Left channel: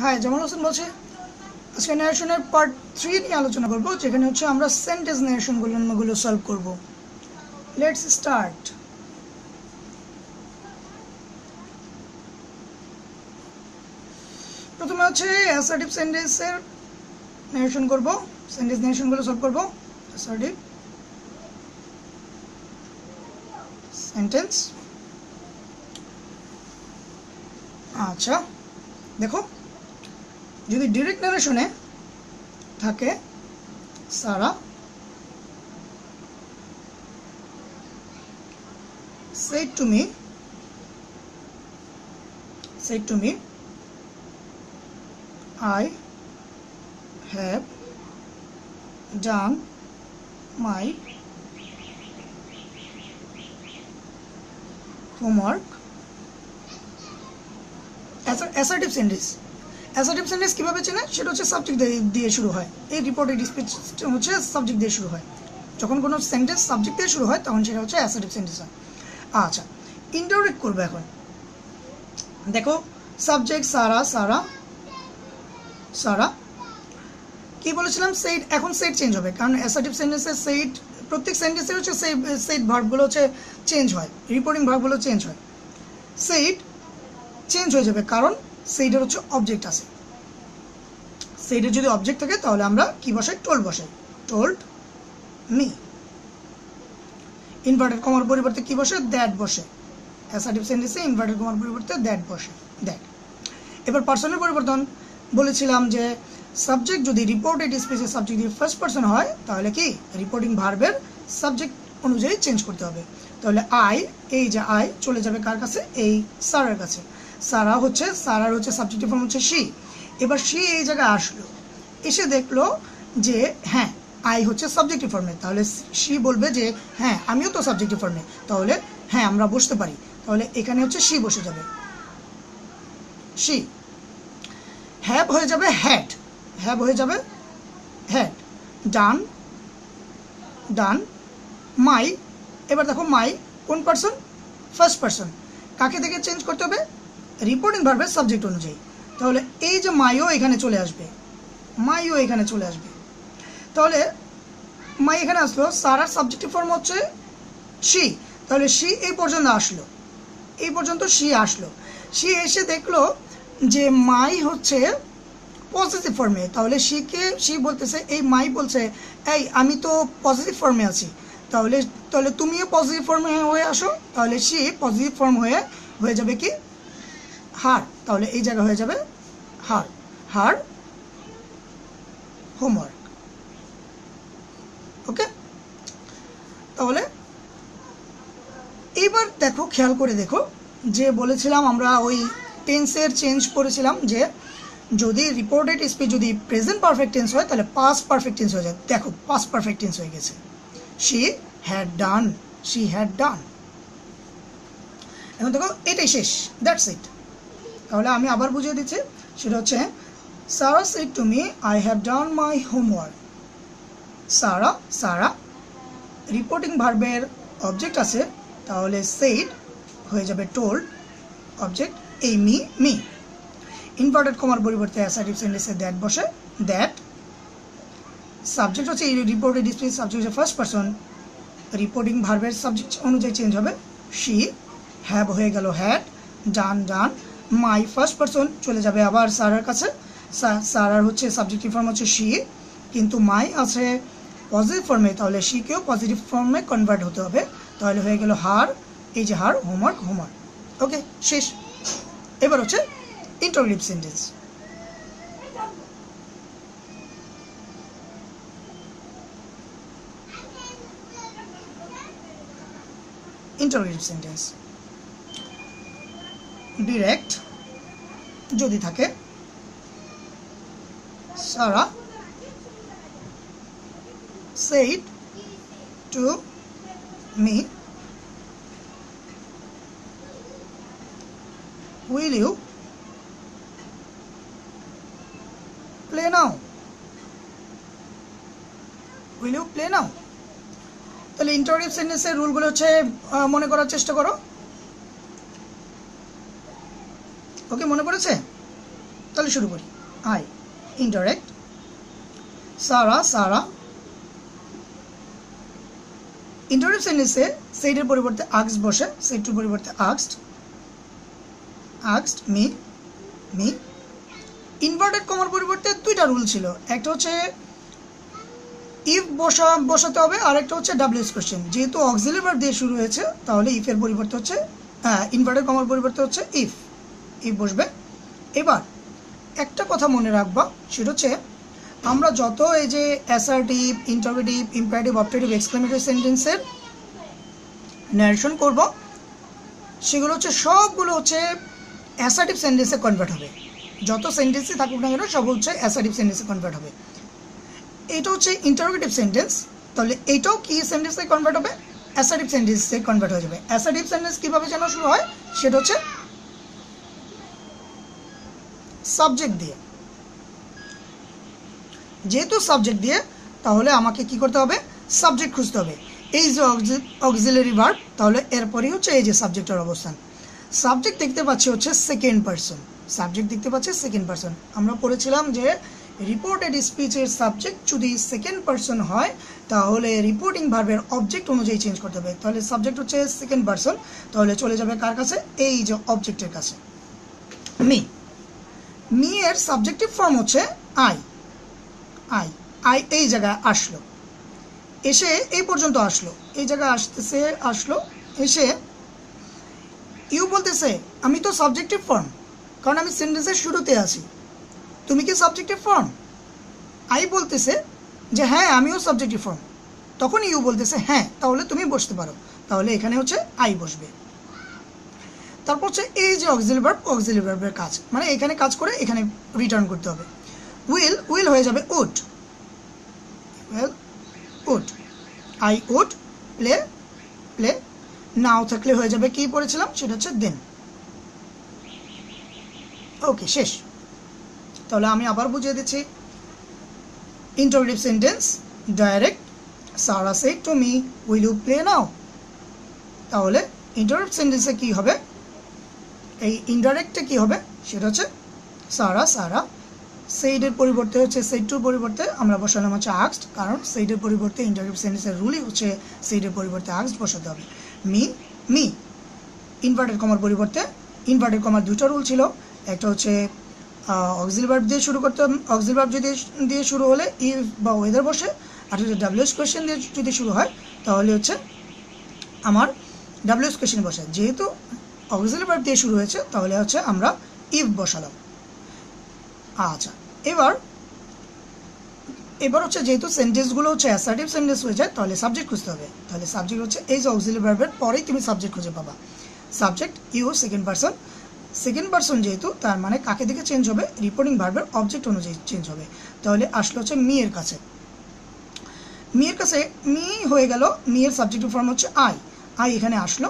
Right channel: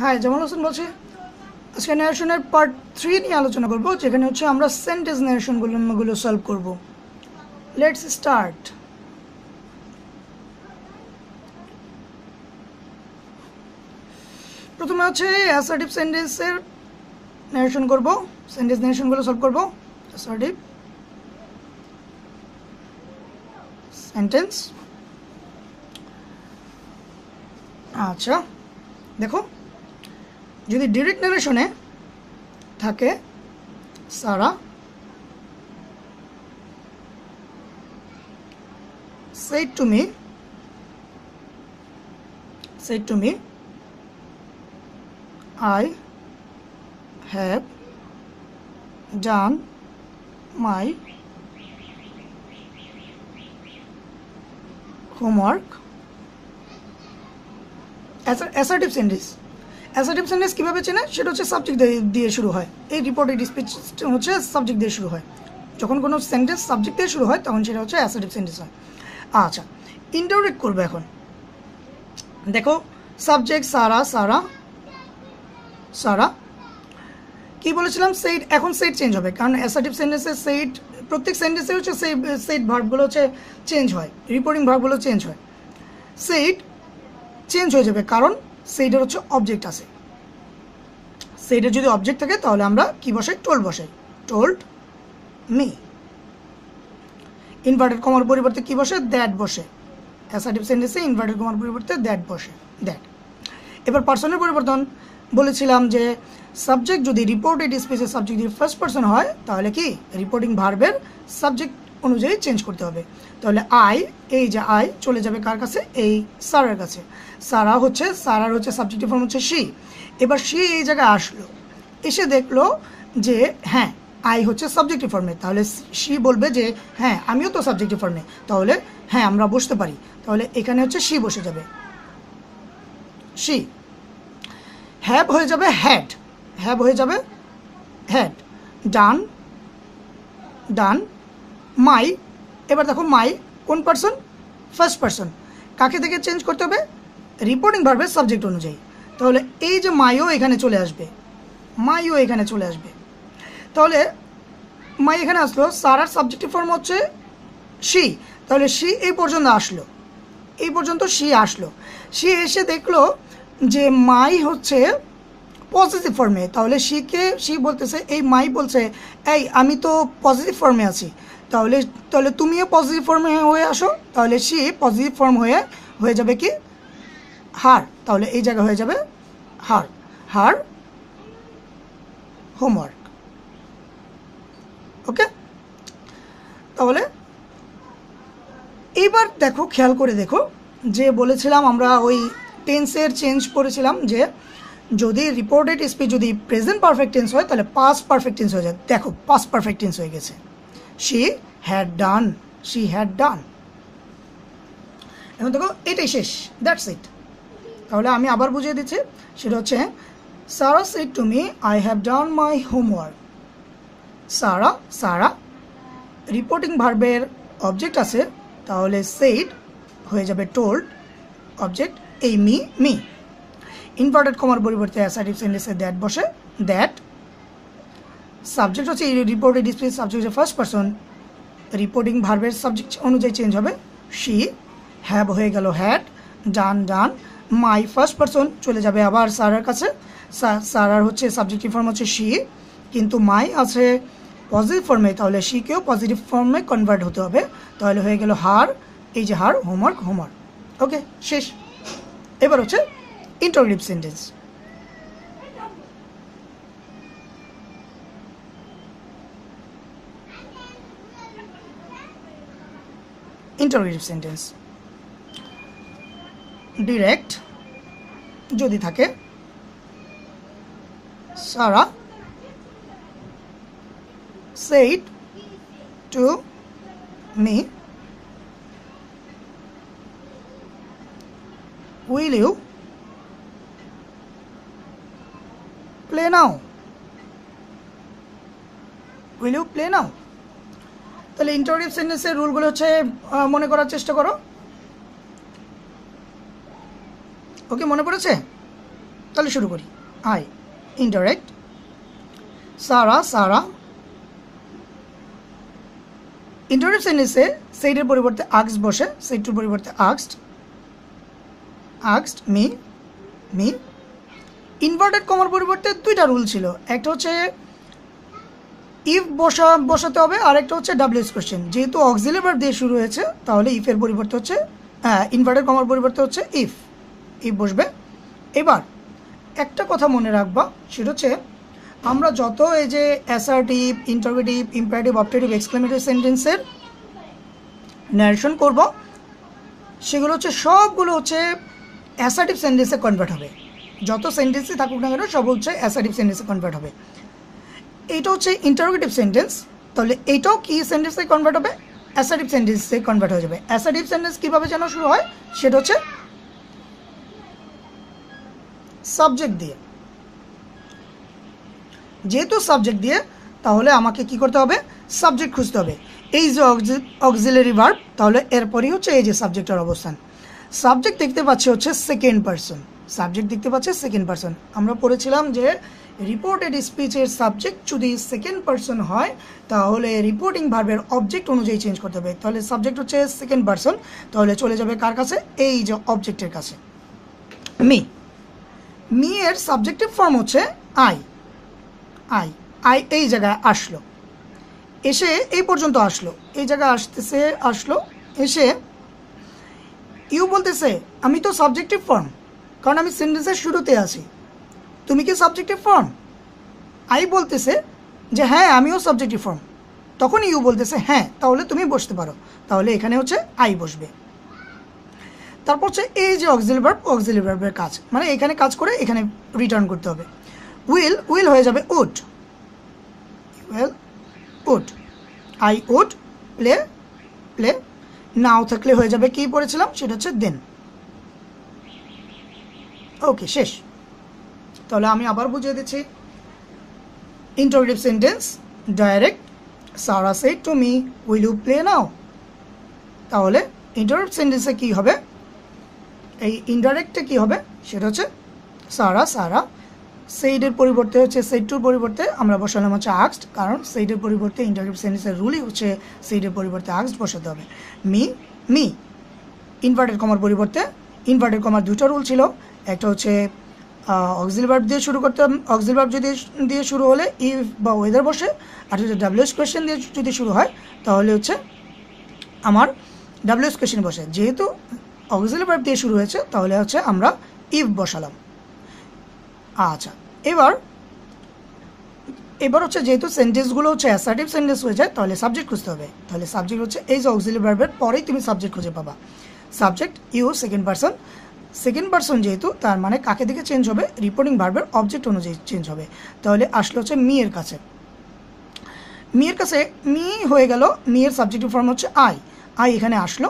হ্যাঁ, জামাল হোসেন বলছে আজকে ন্যারেশনের পার্ট 3 নিয়ে আলোচনা করব, যেখানে হচ্ছে আমরা সেন্টেন্স ন্যারেশনগুলো সলভ করব। Let's start. প্রথমে হচ্ছে অ্যাসার্টিভ সেন্টেন্সের ন্যারেশন করব, সেন্টেন্স ন্যারেশনগুলো সলভ করব। Assertive sentence. আচ্ছা দেখো, যদি ডিরেক্ট ন্যারেশনে থাকে সারা said to me I have done my homework। Assertive sentence কিভাবে চেনে, সেটা হচ্ছে সাবজেক্ট দিয়ে শুরু হয়। এই রিপোর্টেড স্পিচ হচ্ছে সাবজেক্ট দিয়ে শুরু হয়। যখন কোনো সেন্টেন্স সাবজেক্ট দিয়ে শুরু হয় তখন সেটা হচ্ছে অ্যাসার্টিভ সেন্টেন্স হয়। আচ্ছা, ইন্টারোগেট করবে এখন। দেখো, সাবজেক্ট সারা কি বলেছিলাম, সেইড। এখন সেইড চেঞ্জ হবে, কারণ অ্যাসার্টিভ সেন্টেন্সে সেইড প্রত্যেক সেন্টেন্সে হচ্ছে সেইড ভার্বগুলো হচ্ছে চেঞ্জ হয়, রিপোর্টিং ভার্বগুলো চেঞ্জ হয়। সেইড চেঞ্জ হয়ে যাবে, কারণ সেইডের হচ্ছে অবজেক্ট আছে। সেইডের যদি অবজেক্ট থাকে তাহলে আমরা কি বসাই, টোল্ড বসাই। Told me. ইনভার্টেড কমার পরিবর্তে কি বসে, দ্যাট বসে। অ্যাসার্টিভ সেন্টেন্সে ইনভার্টেড কমার পরিবর্তে দ্যাট বসে, দ্যাট। এবার পার্সনের পরিবর্তন বলেছিলাম যে সাবজেক্ট যদি রিপোর্টেড স্পেসের সাবজেক্ট দিয়ে ফার্স্ট পার্সন হয় তাহলে কি রিপোর্টিং ভার্বের সাবজেক্ট অনুযায়ী চেঞ্জ করতে হবে। তাহলে এই যে আই চলে যাবে কার কাছে, এই সারার কাছে। সারার হচ্ছে সাবজেক্টিভ ফর্ম হচ্ছে শি। এবার শি এই জায়গায় আসলো, এসে দেখলো যে হ্যাঁ আই হচ্ছে সাবজেক্টিভ ফর্মে, তাহলে শি বলবে যে হ্যাঁ আমিও তো সাবজেক্টিভ ফর্মে, তাহলে হ্যাঁ আমরা বসতে পারি। তাহলে এখানে হচ্ছে শি বসে যাবে, শি। হ্যাভ হয়ে যাবে হ্যাড, ডান। মাই, এবার দেখো মাই কোন পার্সন, ফার্স্ট পার্সন। কাকে থেকে চেঞ্জ করতে হবে, রিপোর্টিং ভার্বের সাবজেক্ট অনুযায়ী। তাহলে এই যে মাইও এখানে চলে আসবে, তাহলে মাই এখানে আসলো। সারার সাবজেক্টিভ ফর্ম হচ্ছে শি, তাহলে শি এই পর্যন্ত শি আসলো। শি এসে দেখলো যে মাই হচ্ছে পজিটিভ ফর্মে, তাহলে শি বলতেছে, এই মাই বলছে এই আমি তো পজিটিভ ফর্মে আছি, তাহলে তুমিও পজিটিভ ফর্মে হয়ে আসো। তাহলে শি পজিটিভ ফর্ম হয়ে যাবে কি, হার। তাহলে এই জায়গা হয়ে যাবে হার হোমওয়ার্ক। ওকে, তাহলে এবার দেখো, খেয়াল করে দেখো, যে বলেছিলাম আমরা ওই টেন্সের চেঞ্জ করেছিলাম যে যদি রিপোর্টেড স্পিচ যদি প্রেজেন্ট পারফেক্ট টেন্স হয় তাহলে পাস্ট পারফেক্ট টেন্স হয়ে যায়। দেখো পাস্ট পারফেক্ট টেন্স হয়ে গেছে, শি হ্যাড ডান। এখন দেখো এটাই শেষ, দ্যাটস ইট। তাহলে আমি আবার বুঝিয়ে দিচ্ছি, সেটা হচ্ছে Sara said to me I have done my homework. Sara reporting ভার্বের অবজেক্ট আছে, তাহলে সেইড হয়ে যাবে টোল্ড, অবজেক্ট এই মি। ইনভার্টেড কমার পরিবর্তে অ্যাসার্টিভ সেন্টেন্সে দ্যাট বসে, দ্যাট। সাবজেক্ট হচ্ছে রিপোর্টেড স্পিচ, সাবজেক্ট হচ্ছে ফার্স্ট পার্সন, রিপোর্টিং ভার্বের সাবজেক্ট অনুযায়ী চেঞ্জ হবে। শি, হ্যাভ হয়ে গেল had, done. My first person চলে যাবে আবার সারার কাছে। সারার হচ্ছে সাবজেক্টিভ ফর্ম হচ্ছে শি, কিন্তু মাই আছে পজিটিভ ফর্মে, তাহলে শিকেও পজিটিভ ফর্মে কনভার্ট হতে হবে। তাহলে হয়ে গেল হার, এই যে হার, হোমওয়ার্ক। ওকে, শেষ। এবার হচ্ছে ইন্টারোগেটিভ সেন্টেন্স। ডিরেক্ট যদি থাকে সারা said to me, will you play now? তাহলে ইন্টারোগেটিভ সেন্টেন্সের রুলগুলো হচ্ছে মনে করার চেষ্টা করো। ওকে, মনে পড়েছে? তাহলে শুরু করি। I indirect, Sara Sara. Indirect সেন্টেন্সে সেইডের পরিবর্তে আস্কড বসে, সেইড টুর পরিবর্তে asked, asked me, me. Inverted কমার পরিবর্তে দুইটা রুল ছিল, একটা হচ্ছে ইফ বসাতে হবে, আর একটা হচ্ছে ডাব্লিউএস কোশ্চেন। যেহেতু অক্সিলারি ভার্ব দিয়ে শুরু হয়েছে তাহলে ইফের পরিবর্তে হচ্ছে ইনভার্টেড কমার পরিবর্তে হচ্ছে ইফ, ইফ বসবে। এবার একটা কথা মনে রাখবা, সেটা হচ্ছে আমরা যত এই যে assertive, interrogative, imperative, objective, exclamatory সেন্টেন্সের ন্যারেশন করব, সেগুলো হচ্ছে সবগুলো হচ্ছে অ্যাসার্টিভ সেন্টেন্সে কনভার্ট হবে। যত সেন্টেন্সই থাকুক না কেন সব হচ্ছে অ্যাসার্টিভ সেন্টেন্সে কনভার্ট হবে। এইটা হচ্ছে ইন্টারোগেটিভ সেন্টেন্স, তাহলে এইটাও কি সেন্টেন্সে কনভার্ট হবে? অ্যাসার্টিভ সেন্টেন্সে কনভার্ট হয়ে যাবে। অ্যাসার্টিভ সেন্টেন্স কিভাবে যেন শুরু হয়, সেটা হচ্ছে সাবজেক্ট দিয়ে। যেহেতু সাবজেক্ট দিয়ে, তাহলে আমাকে কি করতে হবে? সাবজেক্ট খুঁজতে হবে। এই যে অক্সিলারি ভার্ব, তাহলে এরপরই হচ্ছে এই যে সাবজেক্টের অবস্থান। সাবজেক্ট দেখতে পাচ্ছি হচ্ছে সেকেন্ড পারসন, সাবজেক্ট দেখতে পাচ্ছি সেকেন্ড পারসন। আমরা পড়েছিলাম যে রিপোর্টেড স্পিচের সাবজেক্ট যদি সেকেন্ড পারসন হয় তাহলে রিপোর্টিং ভার্বের অবজেক্ট অনুযায়ী চেঞ্জ করতে হবে। তাহলে সাবজেক্ট হচ্ছে সেকেন্ড পারসন, তাহলে চলে যাবে কার কাছে? এই যে অবজেক্টের কাছে, মি। মি এর সাবজেক্টিভ ফর্ম হচ্ছে আই, আই। আই এই জায়গায় আসলো, এসে এই পর্যন্ত আসলো, এই জায়গায় আসলো, এসে ইউ বলতেছে আমি তো সাবজেক্টিভ ফর্ম, কারণ আমি সেন্টেন্সের শুরুতে আছি। তুমি কি সাবজেক্টিভ ফর্ম? আই বলতেছে যে হ্যাঁ আমিও সাবজেক্টিভ ফর্ম, তখন ইউ বলতেছে হ্যাঁ, তাহলে তুমি বসতে পারো। তাহলে এখানে হচ্ছে আই বসবে। তারপর হচ্ছে এই যে অক্সিলারি ভার্ব, অক্সিলারি ভার্বের কাজ মানে এখানে কাজ করে এখানে রিটার্ন করতে হবে। উইল, উইল হয়ে যাবে would, will would. I would play, play. নাও থাকলে হয়ে যাবে কি পড়েছিলাম, সেটা হচ্ছে দেন। ওকে, শেষ। তাহলে আমি আবার বুঝিয়ে দিচ্ছি। Interrogative sentence direct, Sara said to me will you play now. তাহলে ইন্টারোগেটিভ সেন্টেন্সে কি হবে, এই ইনডাইরেক্টে কি হবে, সেটা হচ্ছে সারা সারা। সেইডের পরিবর্তে হচ্ছে সেইড টুর পরিবর্তে আমরা বসালাম হচ্ছে আস্কড, কারণ সেইডের পরিবর্তে ইন্টারোগেটিভ সেন্টেন্সের রুলই হচ্ছে সেইডের পরিবর্তে আস্কড বসাতে হবে। Me, me. ইনভার্টেড কমার পরিবর্তে, ইনভার্টেড কমার দুটো রুল ছিল, একটা হচ্ছে অক্সিলারি ভার্ব দিয়ে শুরু করতে, অক্সিলারি ভার্ব দিয়ে শুরু হলে ইফ বা ওয়েদার বসে, আর যদি ডাব্লিউএস কোয়েশ্চেন দিয়ে যদি শুরু হয় তাহলে হচ্ছে আমার ডাব্লিউএস কোয়েশ্চেন বসে। যেহেতু অক্সিলারি ভার্ব দিয়ে শুরু হয়েছে তাহলে হচ্ছে আমরা ইফ বসালাম। আচ্ছা, এবার হচ্ছে যেহেতু সেন্টেন্সগুলো হচ্ছে অ্যাসার্টিভ সেন্টেন্স হয়ে যায় তাহলে সাবজেক্ট খুঁজতে হবে। তাহলে সাবজেক্ট হচ্ছে এই যে অক্সিলারি ভার্বের পরেই তুমি সাবজেক্ট খুঁজে পাবা। Subject you, second person. Second person যেহেতু, তার মানে কাকে দিকে চেঞ্জ হবে? রিপোর্টিং ভার্বের অবজেক্ট অনুযায়ী চেঞ্জ হবে। তাহলে আসলে হচ্ছে মি এর কাছে, মি এর কাছে। মি হয়ে গেল, মি এর সাবজেক্টিভ ফর্ম হচ্ছে আই, আই এখানে আসলো।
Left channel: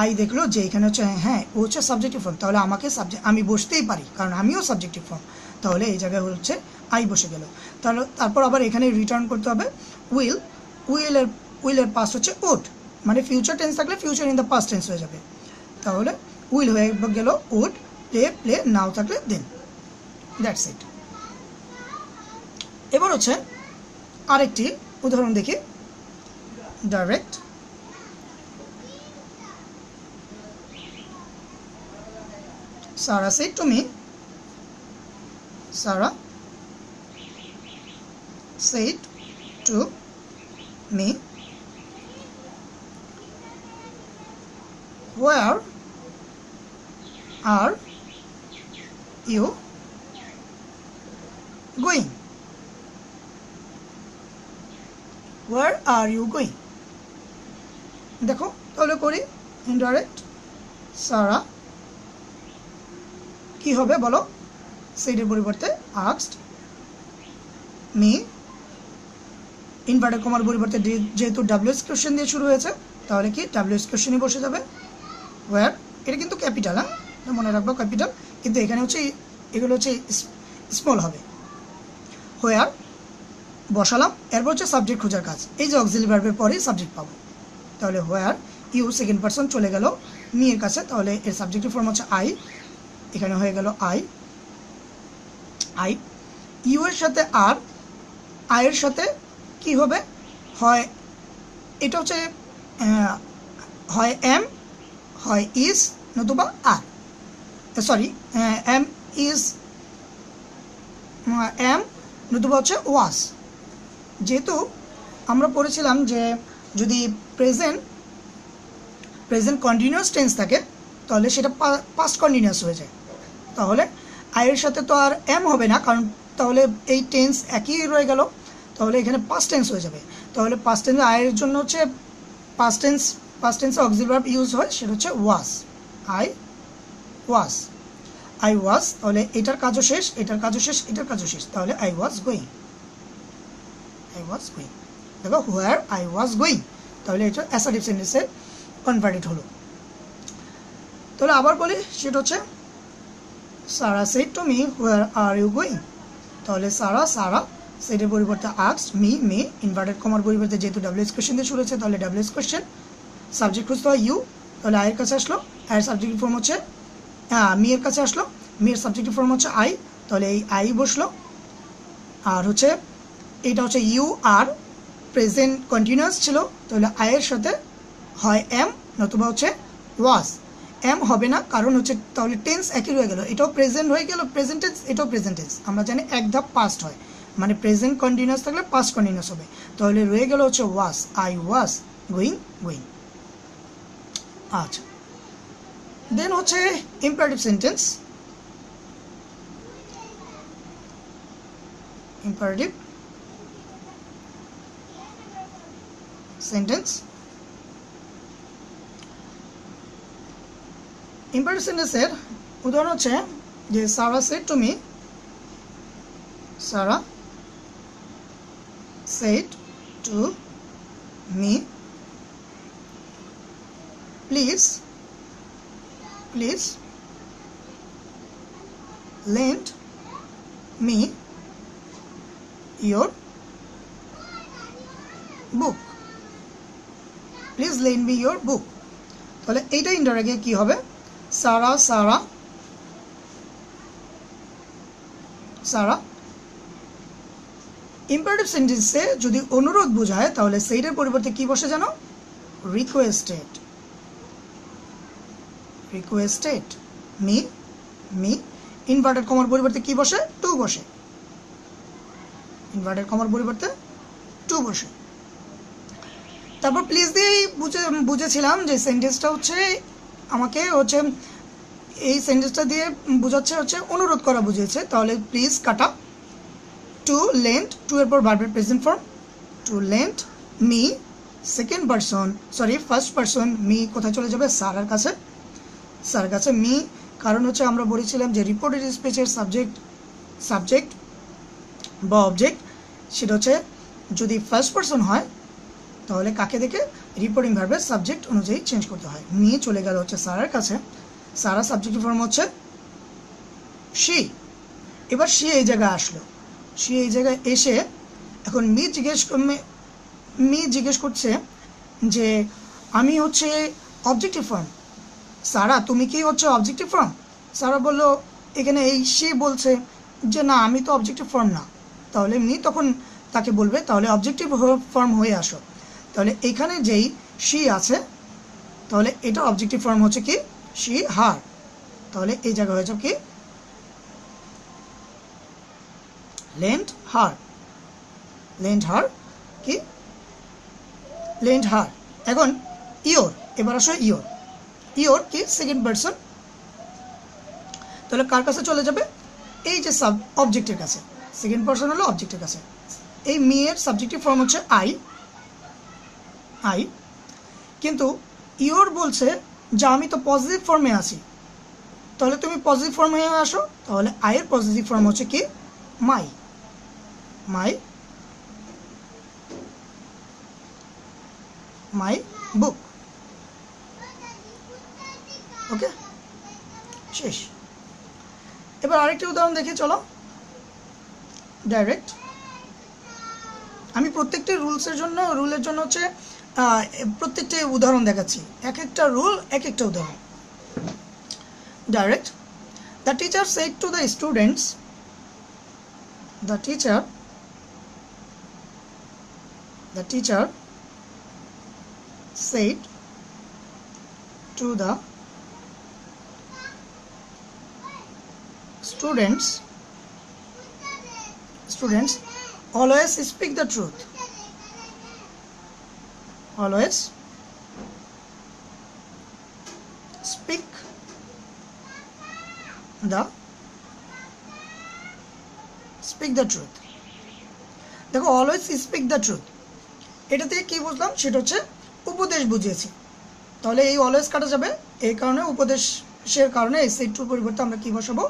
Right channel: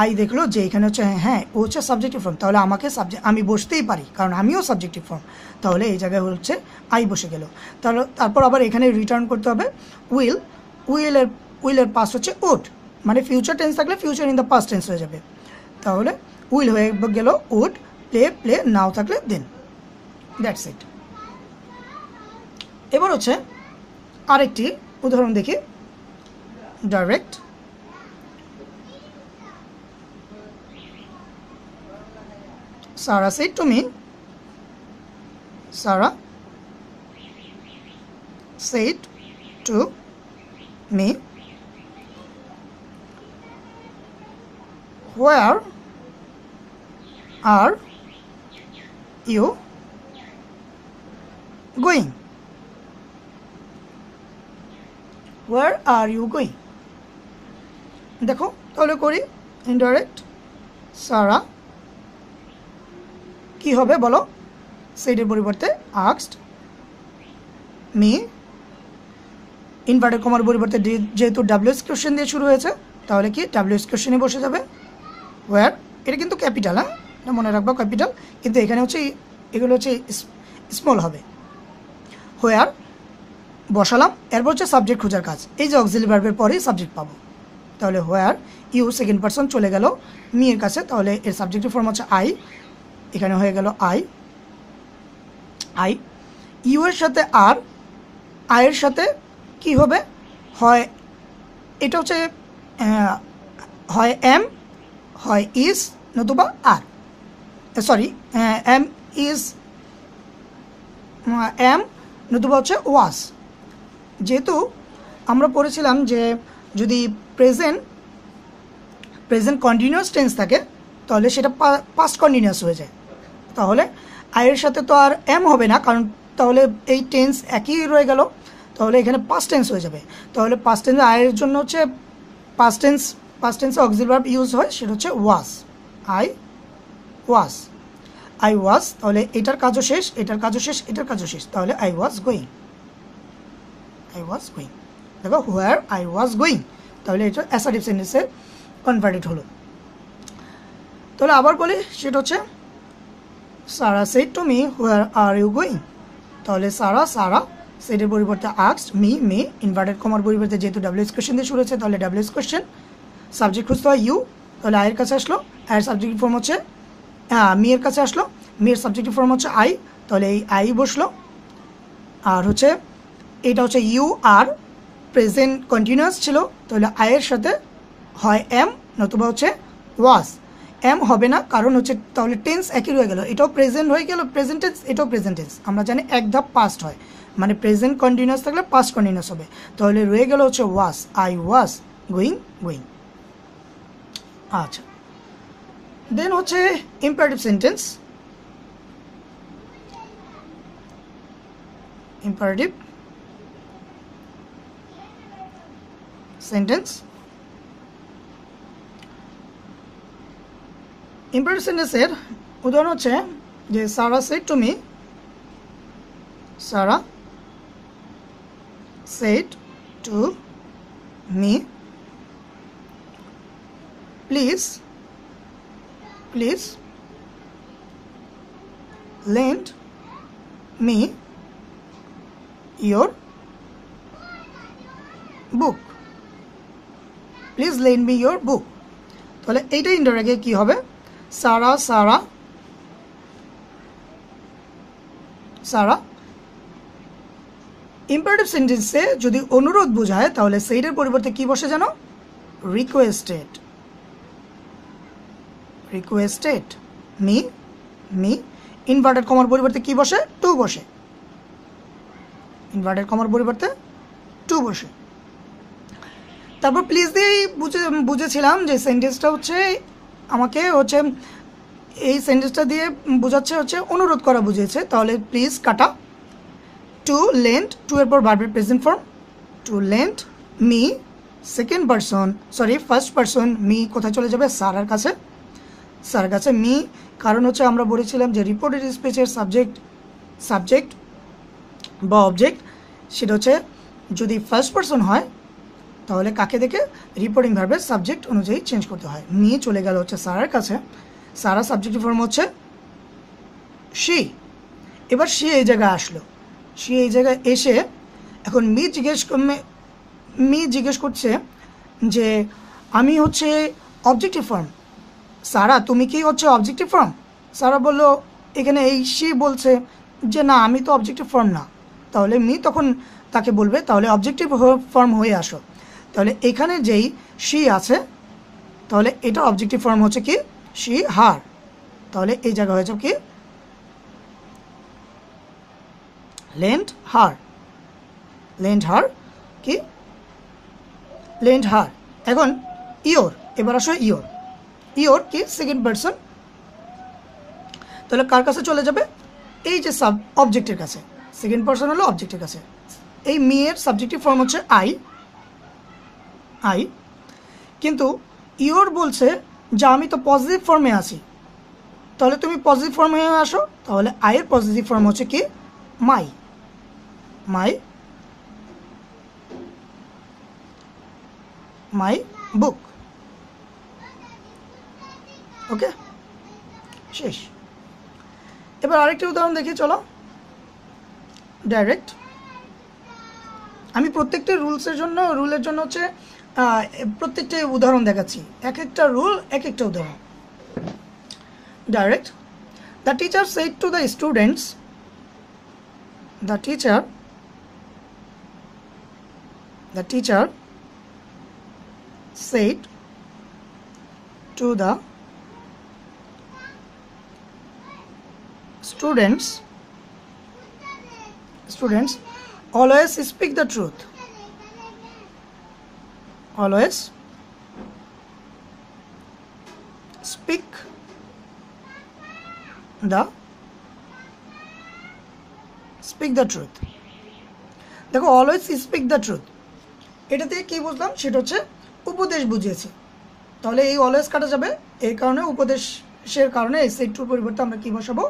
আই দেখলো যে এখানে হচ্ছে হ্যাঁ ও হচ্ছে সাবজেক্টিভ ফর্ম, তাহলে আমাকে আমি বসতেই পারি কারণ আমিও সাবজেক্টিভ ফর্ম। তাহলে এই জায়গায় হচ্ছে আই বসে গেল। তাহলে তারপর আবার এখানে রিটার্ন করতে হবে উইল। উইলের পাস্ট হচ্ছে উড, মানে ফিউচার টেন্স থাকলে future in the past tense হয়ে যাবে। তাহলে উইল হয়ে গেল উড, প্লে, প্লে। নাও থাকলে দেন। That's it. এবার হচ্ছে আরেকটি উদাহরণ দেখি। Direct, Sarah said to me, Sarah said to me, where are you going? Where are you going? দেখো তাহলে করি ইনডাইরেক্ট। সারা কি হবে বলো? সেইডের পরিবর্তে আস্কড, মি। ইনভার্টেড কমার পরিবর্তে যেহেতু ডাব্লিউএস কোশ্চেন দিয়ে শুরু হয়েছে তাহলে কি ডাব্লিউএস কোশ্চেনে বসে যাবে ওয়্যার। এটা কিন্তু ক্যাপিটাল, হ্যাঁ মনে রাখবো ক্যাপিটাল, কিন্তু এখানে হচ্ছে এগুলো হচ্ছে স্মল হবে। হোয়ার বসালাম, এরপর হচ্ছে সাবজেক্ট খোঁজার কাজ। এই যে অক্সিলারি ভার্বের পরেই সাবজেক্ট পাবো। তাহলে হোয়ার ইউ, সেকেন্ড পারসন চলে গেল মি এর কাছে, তাহলে এর সাবজেক্টিভ ফর্ম হচ্ছে আই, এখানে হয়ে গেল আই। আই, ইউ এর সাথে আর, আই এর সাথে কি হবে, হয় এটা হচ্ছে হয় এম, হয় ইজ, নতুবা আর, সরি এম ইজ, এম নতুবা হচ্ছে ওয়াজ। যেহেতু আমরা পড়েছিলাম যে যদি প্রেজেন্ট কন্টিনিউয়াস টেন্স থাকে তাহলে সেটা পাস্ট কন্টিনিউয়াস হয়ে যায়, তাহলে আয়ের সাথে তো আর এম হবে না, কারণ তাহলে এই টেন্স একই রয়ে গেল, তাহলে এখানে পাস্ট টেন্স হয়ে যাবে। তাহলে পাস্ট টেন্স আয়ের জন্য হচ্ছে পাস্ট টেন্সে অক্সিলারি ভার্ব ইউজ হয়, সেটা হচ্ছে ওয়াজ। আই ওয়াজ, আই ওয়াজ, তাহলে এটার কাজও শেষ, এটার কাজও শেষ, এটার কাজও শেষ, তাহলে I was going, I was going. দেখো হোয়ার আই ওয়াজ গোয়িং, তাহলে এটা অ্যাসার্টিভ সেন্টেন্সে কনভার্টেড হলো। তাহলে আবার বলি, সেটা হচ্ছে Sara said to me where are you going, তাহলে সারা সেডের পরিবর্তে আস্কড, মি ইনভার্টেড কমার পরিবর্তে যেহেতু ডাব্লিউএস কোয়েশ্চেন দিয়ে শুরু হচ্ছে তাহলে ডাব্লিউএস কোয়েশ্চেন, সাবজেক্ট খুঁজতে হয় ইউ, তাহলে আয়ের কাছে আসলো, আয়ের সাবজেক্টিভ ফর্ম হচ্ছে মি এর কাছে আসলো, মি এর সাবজেক্টিভ ফর্ম হচ্ছে আই, তাহলে এই আই বসলো। আর হচ্ছে এটা হচ্ছে ইউ আর প্রেজেন্ট কন্টিনিউয়াস ছিল, তাহলে আয়ের সাথে হয় এম নতুবা হচ্ছে ওয়াজ। এম হবে না, কারণ হচ্ছে তাহলে টেন্স একই রয়ে গেল, এটাও প্রেজেন্ট হয়ে গেল প্রেজেন্ট টেন্স, এটাও প্রেজেন্ট টেন্স। আমরা জানি এক ধাপ পাস্ট হয়, মানে প্রেজেন্ট কন্টিনিউয়াস থাকলে পাস্ট কন্টিনিউয়াস হবে, তাহলে রয়ে গেল হচ্ছে ওয়াজ, আই ওয়াজ গোয়িং। আচ্ছা, দেন হচ্ছে imperative sentence. Imperative sentence, imperative সেন্টেন্সের উদাহরণ হচ্ছে যে Sara said to me, Sara said to me please lend me your book, please lend me your book। তাহলে এইটা ইনডাইরেক্টলি কি হবে, সারা ইম্পারেটিভ সেন্টেন্সে যদি অনুরোধ বোঝায় তাহলে সেইটার পরিবর্তে কি বসে জানো, রিকোয়েস্টেড, মি ইনভার্টেড কমার পরিবর্তে কি বসে, টু বসে, ইনভার্টেড কমার পরিবর্তে টু বসে। তারপর প্লিজ দিয়েই বুঝেছিলাম যে সেন্টেন্সটা হচ্ছে আমাকে হচ্ছে এই সেন্টেন্সটা দিয়ে বোঝাচ্ছে হচ্ছে অনুরোধ করা বুঝিয়েছে, তাহলে প্লিজ কাটা, টু লেন্ড, টু এর পর ভার্বের present form, to lend me, second person first person, me কোথায় চলে যাবে, সারার কাছে, স্যার কাছে মি, কারণ হচ্ছে আমরা বলেছিলাম যে রিপোর্টেড স্পিচের সাবজেক্ট বা অবজেক্ট সেটা হচ্ছে যদি ফার্স্ট পারসন হয় তাহলে কাকে দেখে, রিপোর্টিং ভার্বের সাবজেক্ট অনুযায়ী চেঞ্জ করতে হয়। মি চলে গেল হচ্ছে সারার কাছে, সারা সাবজেক্টিভ ফর্ম হচ্ছে শি, এবার শি এই জায়গায় আসলো, শি এই জায়গায় এসে এখন মি জিজ্ঞেস করছে যে আমি হচ্ছে অবজেক্টিভ ফর্ম, সারা তুমি কি হচ্ছে অবজেক্টিভ ফর্ম? সারা বলল এখানে এই শি বলছে যে না আমি তো অবজেক্টিভ ফর্ম না, তাহলে মি তখন তাকে বলবে তাহলে অবজেক্টিভ ফর্ম হয়ে আসো, তাহলে এখানে যেই শি আছে তাহলে এটা অবজেক্টিভ ফর্ম হচ্ছে কি শি হার, তাহলে এই জায়গা হয়েছে কি লেন্ড হার, কি লেন্ড হার। এখন ইয়োর, এবার আসো ইয়োর কি সেকেন্ড পারসন, তাহলে কার কাছে চলে যাবে, এই যে সাব অবজেক্টের কাছে, সেকেন্ড পারসন হলো অবজেক্টের কাছে। এই মি এর সাবজেক্টিভ ফর্ম হচ্ছে আই, কিন্তু ইয়োর বলছে যে আমি তো পজিটিভ ফর্মে আছি, তাহলে তুমি পজিটিভ ফর্মে আসো, তাহলে আই এর পজিটিভ ফর্ম হচ্ছে কি মাই বুক। ওকে, শেষ। এবার আরেকটি উদাহরণ দেখি, চলো ডাইরেক্ট। আমি প্রত্যেকটা রুলের জন্য হচ্ছে প্রত্যেকটা উদাহরণ দেখাচ্ছি, এক একটা রুল এক একটা উদাহরণ। Direct, the teacher said to the students the teacher said to the students always speak the truth. Always speak the truth. দেখো অলওয়েজ স্পিক দ্য ট্রুথ, এটা থেকে কি বুঝলাম সেটা হচ্ছে উপদেশ বুঝিয়েছে। তাহলে এই অলওয়েজ কাটা যাবে, এই কারণে উপদেশের কারণে এই সেট টুর পরিবর্তে আমরা কি বসাবো,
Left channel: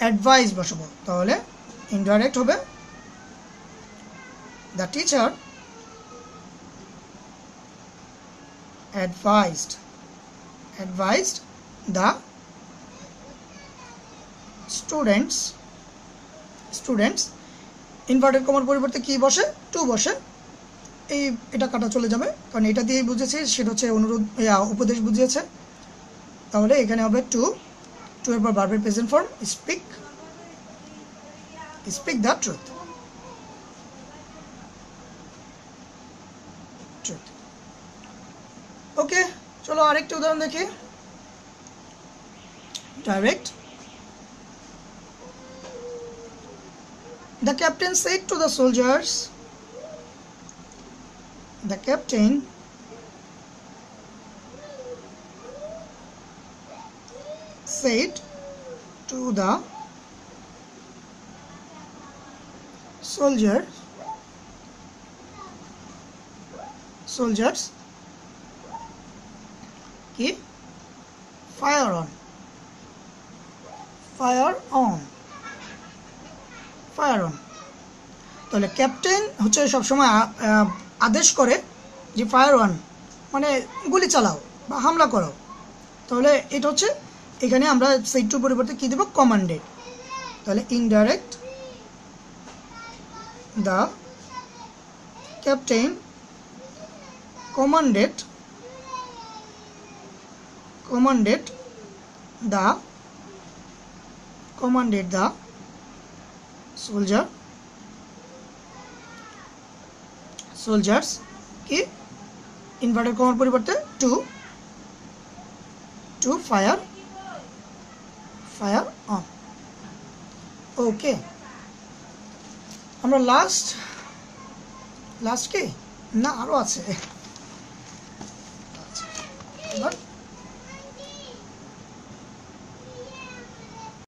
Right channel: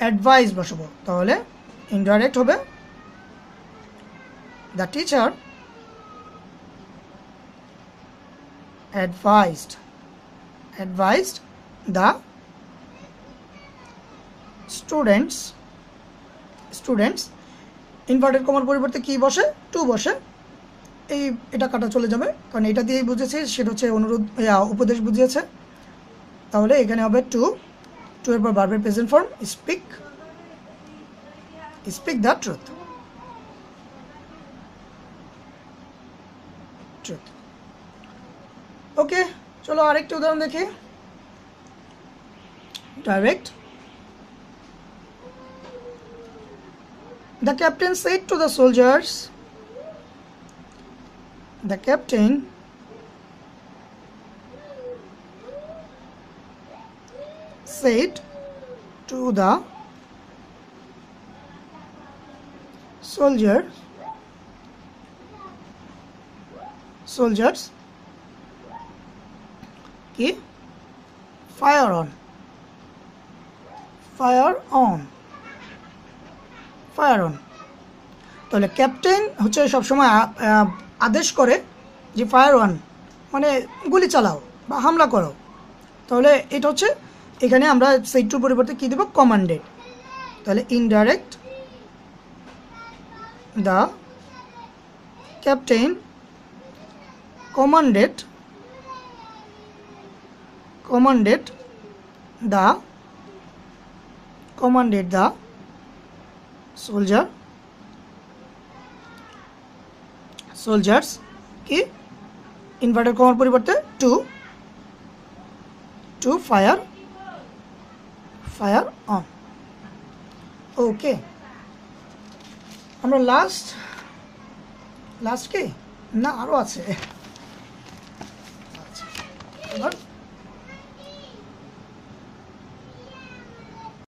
অ্যাডভাইস বসাবো। তাহলে ইনডাইরেক্ট হবে the teacher advised the students inverted কমার পরিবর্তে কি বসে, টু বসে। এটা কাটা চলে যাবে, কারণ এটা দিয়েই বুঝেছি সেটা হচ্ছে উপদেশ বুঝিয়েছে। তাহলে এখানে হবে টু এর পর ভার্বের present form speak the truth. Okay, চলো আরেকটা উদাহরণ দেখি। Direct The captain said to the soldiers, the captain said to the soldiers, কি ফায়ার অন। তাহলে ক্যাপ্টেন হচ্ছে সবসময় আদেশ করে যে ফায়ার অন মানে গুলি চালাও বা হামলা করো। তাহলে এটা হচ্ছে এখানে আমরা সেট টুর পরিবর্তে কি দেব, কমান্ডেড। তাহলে indirect the captain commanded the soldiers কি ইনভার্টেড কমার পরিবর্তে টু ফায়ার অন। ওকে, আমরা লাস্ট কি না আরো আছে।